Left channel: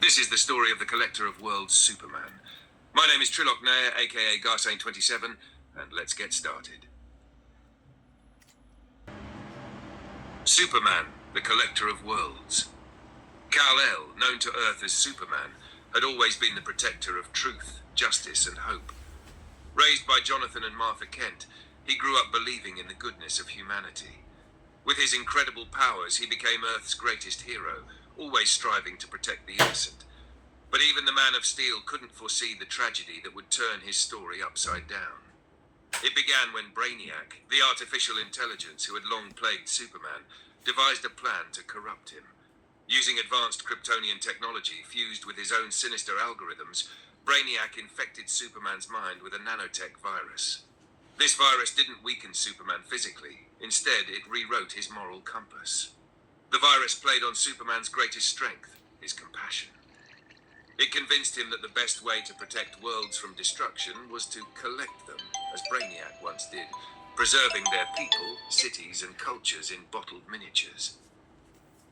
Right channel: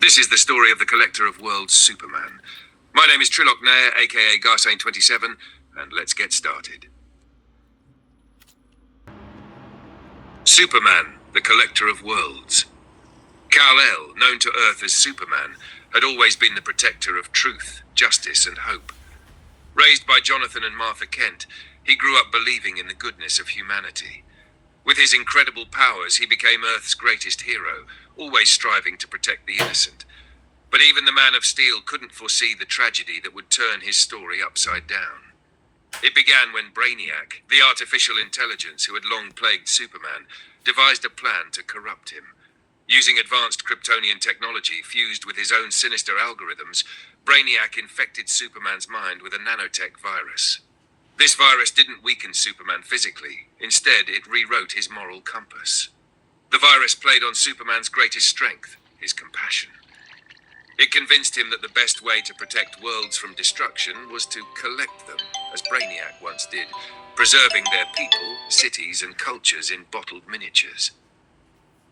This is the story of the Collector of Worlds, Superman. My name is Trilok Nair, aka Garsane27, and let's get started. Superman, the Collector of Worlds. Kal-El, known to Earth as Superman, had always been the protector of truth, justice, and hope. Raised by Jonathan and Martha Kent, he grew up believing in the goodness of humanity. With his incredible powers, he became Earth's greatest hero, always striving to protect the innocent. But even the Man of Steel couldn't foresee the tragedy that would turn his story upside down. It began when Brainiac, the artificial intelligence who had long plagued Superman, devised a plan to corrupt him. Using advanced Kryptonian technology fused with his own sinister algorithms, Brainiac infected Superman's mind with a nanotech virus. This virus didn't weaken Superman physically. Instead, it rewrote his moral compass. The virus played on Superman's greatest strength, his compassion. It convinced him that the best way to protect worlds from destruction was to collect them, as Brainiac once did, preserving their people, cities, and cultures in bottled miniatures.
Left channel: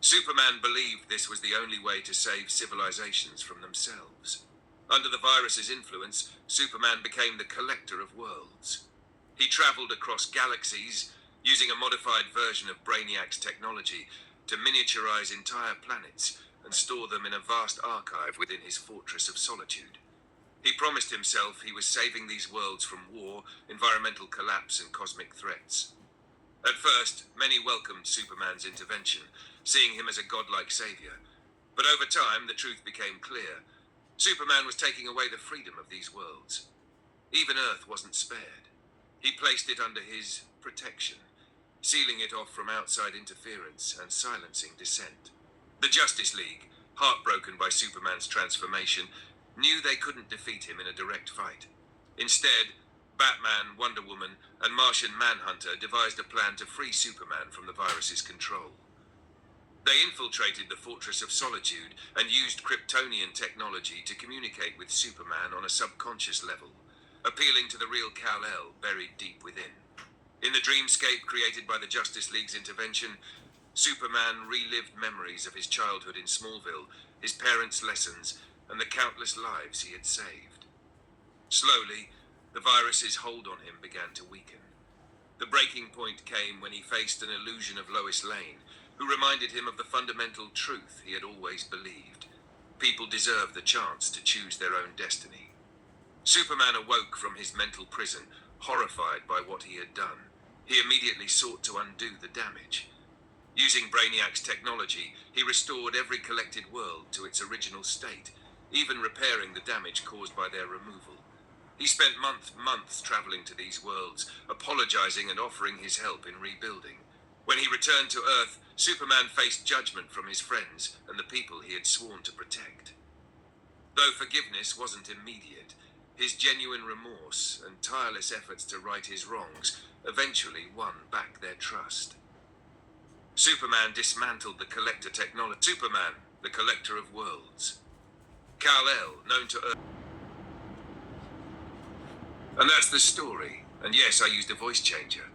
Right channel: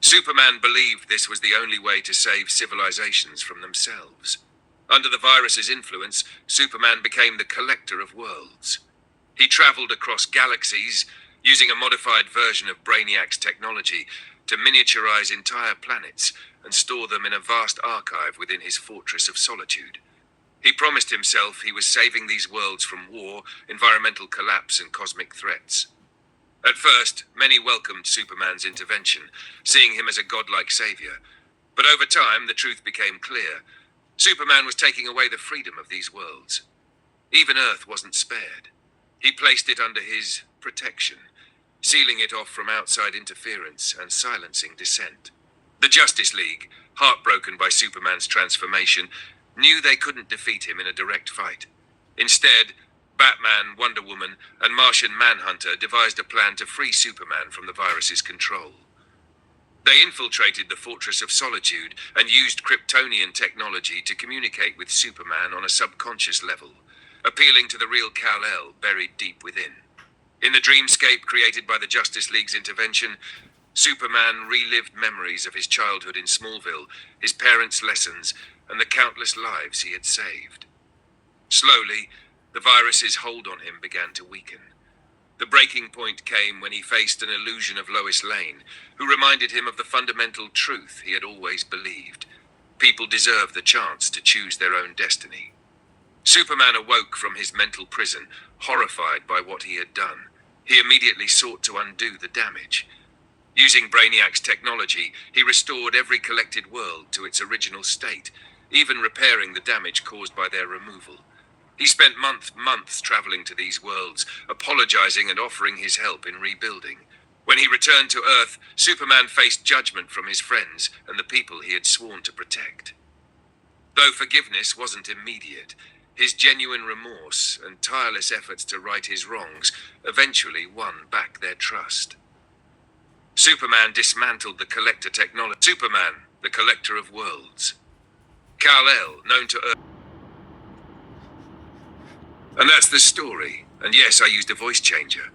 Superman believed this was the only way to save civilizations from themselves. Under the virus's influence, Superman became the Collector of Worlds. He traveled across galaxies, using a modified version of Brainiac's technology to miniaturize entire planets and store them in a vast archive within his Fortress of Solitude. He promised himself he was saving these worlds from war, environmental collapse, and cosmic threats. At first, many welcomed Superman's intervention, seeing him as a godlike savior. But over time, the truth became clear. Superman was taking away the freedom of these worlds. Even Earth wasn't spared. He placed it under his protection, sealing it off from outside interference and silencing dissent. The Justice League, heartbroken by Superman's transformation, knew they couldn't defeat him in a direct fight. Instead, Batman, Wonder Woman, and Martian Manhunter devised a plan to free Superman from the virus's control. They infiltrated the Fortress of Solitude and used Kryptonian technology to communicate with Superman on a subconscious level, appealing to the real Kal-El buried deep within. In the dreamscape created by the Justice League's intervention, Superman relived memories of his childhood in Smallville, his parents' lessons, and the countless lives he had saved. Slowly, the virus's hold on him began to weaken. The breaking point came when he faced an illusion of Lois Lane, who reminded him of the fundamental truth he had always believed. People deserve the chance to choose their own destiny. Superman awoke from his mental prison, horrified by what he had done. He immediately sought to undo the damage. Using Brainiac's technology, he restored every collected world to its original state, even repairing the damage caused by their removal. He spent months traveling to these worlds, apologizing and offering his help in rebuilding. When he returned to Earth, Superman faced judgment from his friends and the people he had sworn to protect. Though forgiveness wasn't immediate, his genuine remorse and tireless efforts to right his wrongs eventually won back their trust. Superman dismantled the Collector technology. Superman, the Collector of Worlds. Kal-El, known to Earth. And that's the story. And yes, I used a voice changer.